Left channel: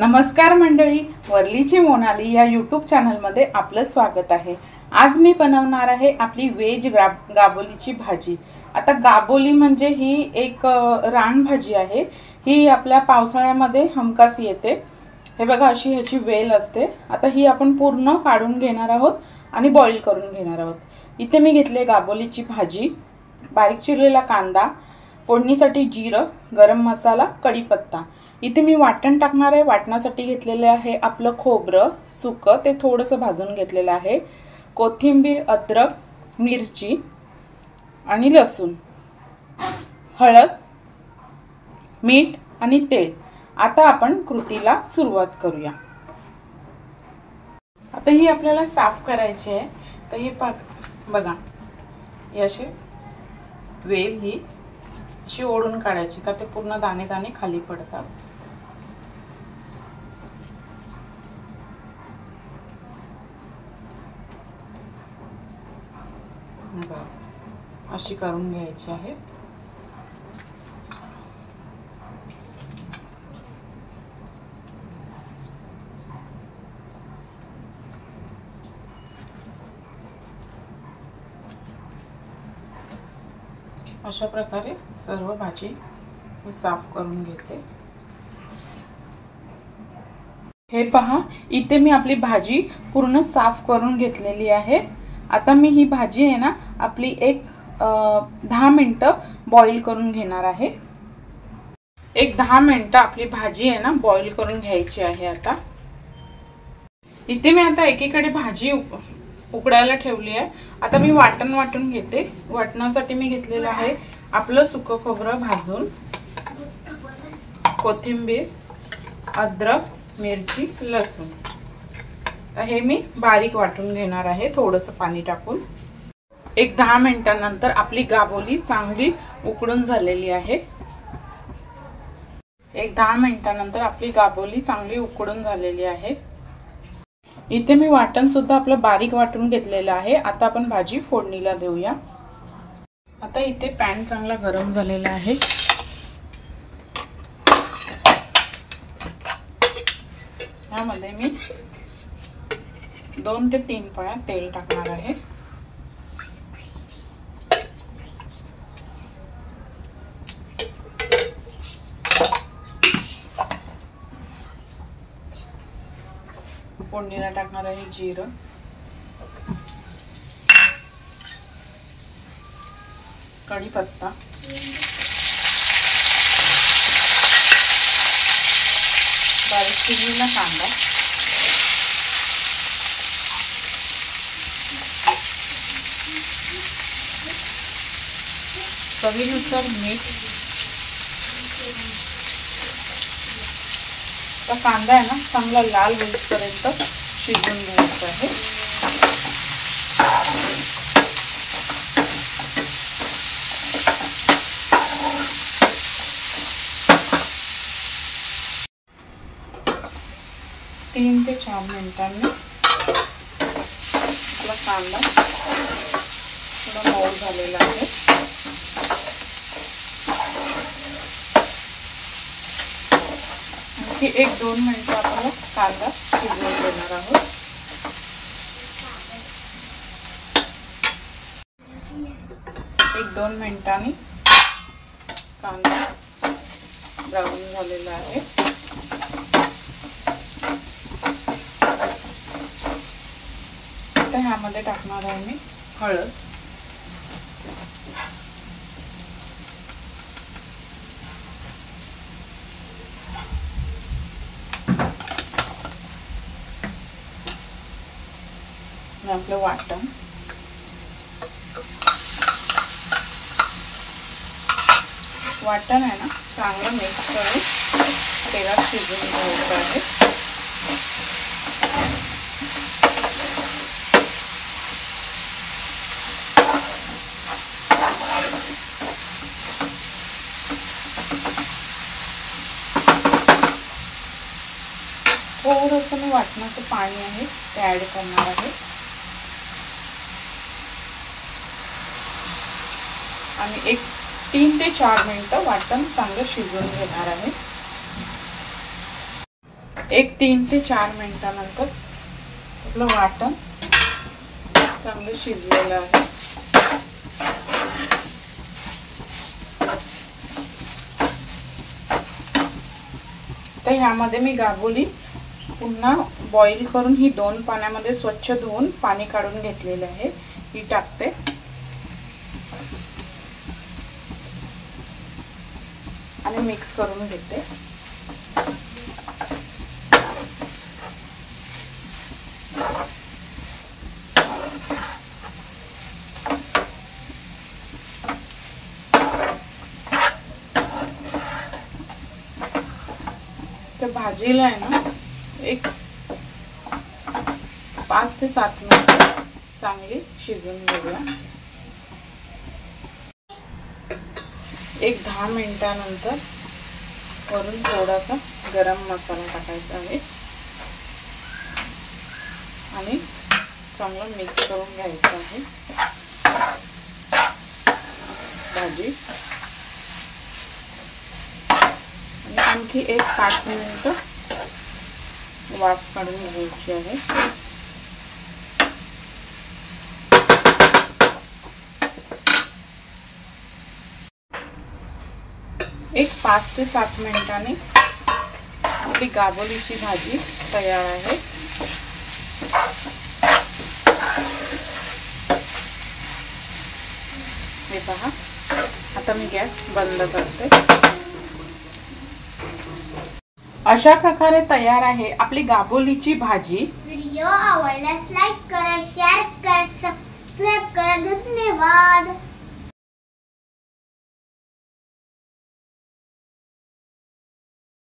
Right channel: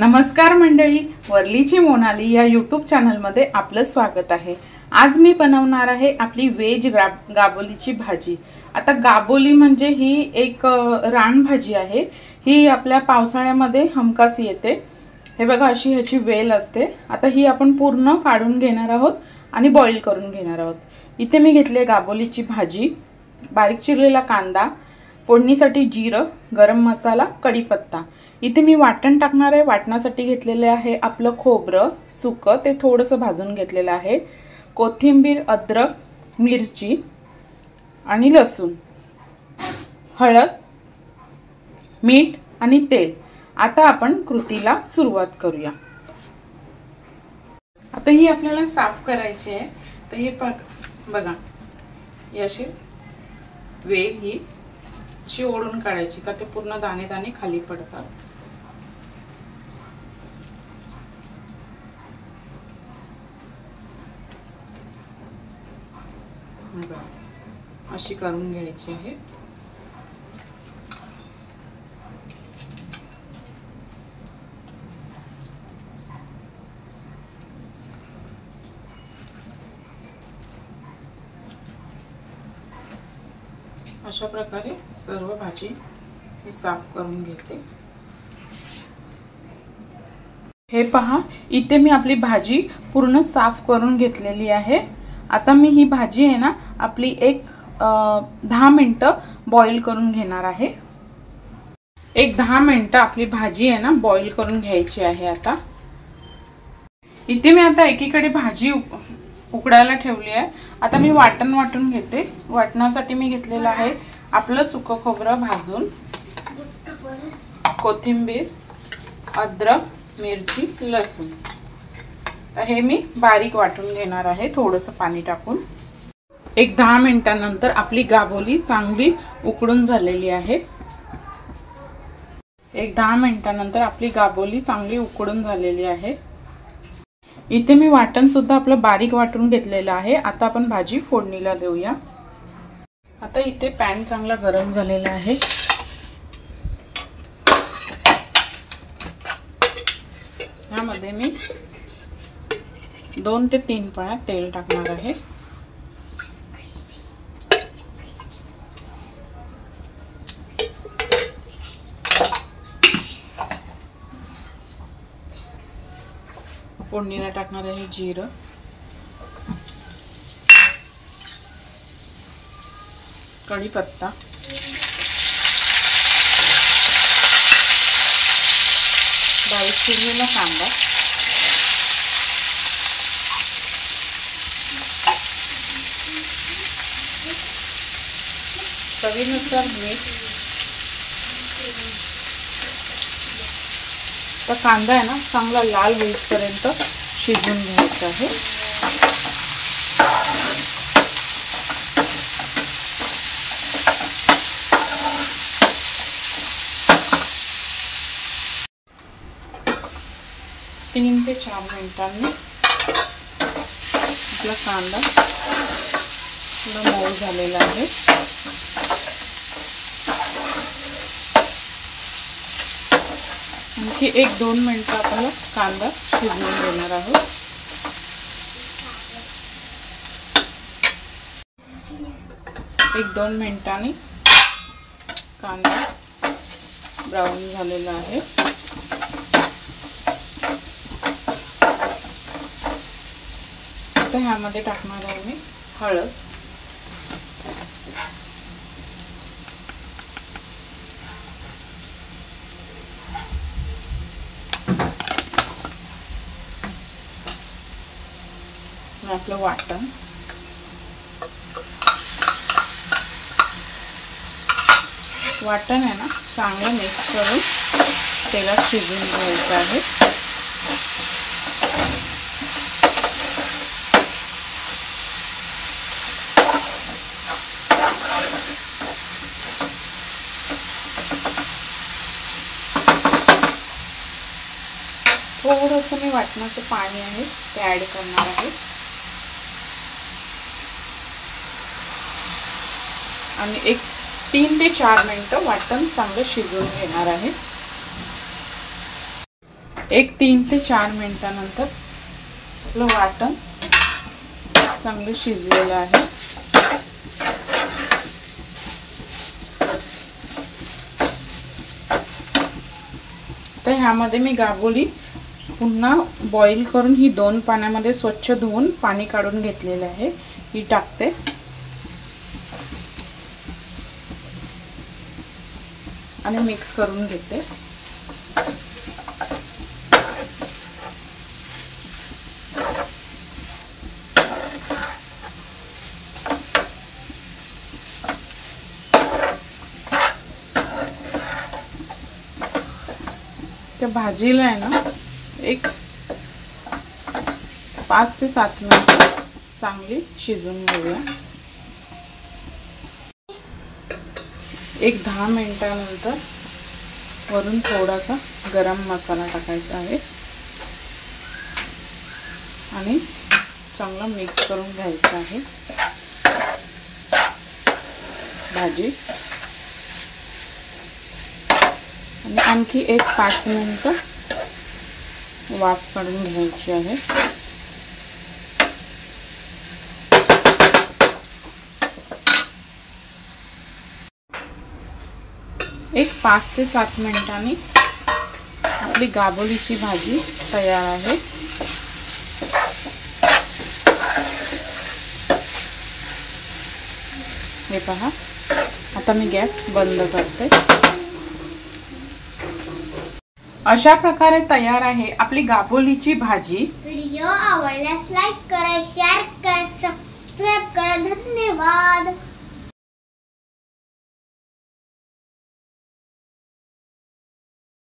नमस्कार मंडळी, वरलीची मोनाली या यूट्यूब चॅनलमध्ये आपलं स्वागत आहे। आज मी बनवणार आहे आपली वेज गाबोलीची भाजी। आता गाबोली म्हणजे ही एक रानभाजी आहे। ही आपल्या पावसाळ्यामध्ये हमखास येते। हे बघा, अशी ह्याची वेल असते। आता ही आपण पूर्ण काढून घेणार आहोत आणि बॉईल करून घेणार आहोत। इथे मी घेतले गाबोलीची भाजी, बारीक चिरलेला कांदा, फोडणीसाठी जिरं, गरम मसाला, कढीपत्ता। इथे मी वाटण टाकणार आहे। वाटणासाठी घेतलेले आहे आपलं खोबरं सुकं, ते थोडंसं भाजून घेतलेलं आहे, कोथिंबीर, अद्रक, मिरची आणि लसूण, हळद, मीठ आणि तेल। आता आपण कृतीला सुरुवात करूया। आता ही आपल्याला साफ करायची आहे। तर हे बघा, याशी वेल ही अशी ओढून काढायची का ते पूर्ण दाणे दाणे खाली पडतात। अशी करून घ्यायची आहे। अशा प्रकारे सर्व भाजी मी साफ करून घेते। हे पहा, इथे मी आपली भाजी पूर्ण साफ करून घेतलेली आहे। आता मी ही भाजी आहे ना आपली एक 10 मिनिटं बॉईल करून घेणार आहे। एक 10 मिनिटं आपली भाजी आहे ना बॉईल करून घ्यायची आहे। आता इथे मी आता एकीकडे भाजी उकडायला ठेवली आहे। आता मी वाटण वाटून घेते। वाटणासाठी मी घेतलेलं आहे आपलं सुकं खोबरं भाजून, कोथिंबीर, अद्रक, मिरची, लसूण। तर हे मी बारीक वाटून घेणार आहे थोडंसं पाणी टाकून। एक 10 मिनिटांनंतर आपली गाबोली चांगली उकडून झालेली आहे। एक 10 मिनिटांनंतर आपली गाबोली चांगली उकडून झालेली आहे। इथे मी वाटण सुद्धा आपलं बारीक वाटून घेतलेलं आहे। आता आपण भाजी फोडणीला देऊया। आता इथे पॅन चांगला गरम झालेला आहे। यामध्ये मी 2 ते 3 पळ्या तेल टाकणार आहे। फोडणीला टाकणार आहे जिरं, कढीपत्ता, बारीक चिरलेला कांदा, चवीनुसार मीठ। तर कांदा आहे ना चांगला लाल होईपर्यंत शिजवून घ्यायचा आहे। तीन ते 4 मिनिटांनी आपला कांदा थोडा मऊ झालेला आहे। आणखी 1-2 मिनिटं आपण कांदा शिजवून घेणार आहोत। एक 2 मिनिटांनी कांदा ब्राऊन झालेला आहे। आता ह्यामध्ये टाकणार आहे मी हळद, आपलं वाटण, वाटण आहे ना चांगलं मिक्स करून तेलात शिजवून घ्यायचं आहे। थोडंसं मी वाटणाचं पाणी आहे ते ऍड करणार आहे आणि एक 3 ते 4 मिनिटं वाटण चांगलं शिजवून घेणार आहे। एक 3 ते 4 मिनिटानंतर आपलं वाटण चांगलं शिजलेलं आहे. तर ह्यामध्ये मी गाबोली पुन्हा बॉईल करून ही 2 पाण्यामध्ये स्वच्छ धुवून पाणी काढून घेतलेले आहे, ही टाकते. आणि मिक्स करून घेते. त्या भाजीला आहे ना एक 5 ते 7 मिनिट चांगली शिजवून घेऊया. एक 10 मिनिटानंतर वरून थोडासा गरम मसाला टाकायचा आहे आणि चांगलं मिक्स करून घ्यायचं आहे भाजी. आणि आणखी एक 5 मिनिटं वाफ काढून घ्यायची आहे. एक 5 ते 7 मिनिटांनी आपली गाबोलीची भाजी तयार आहे. हे पहा, आता मी गॅस बंद करते. अशा प्रकारे तयार आहे आपली गाबोलीची भाजी. व्हिडिओ आवडल्यास लाईक करा, शेअर करा, सबस्क्राइब करा. धन्यवाद.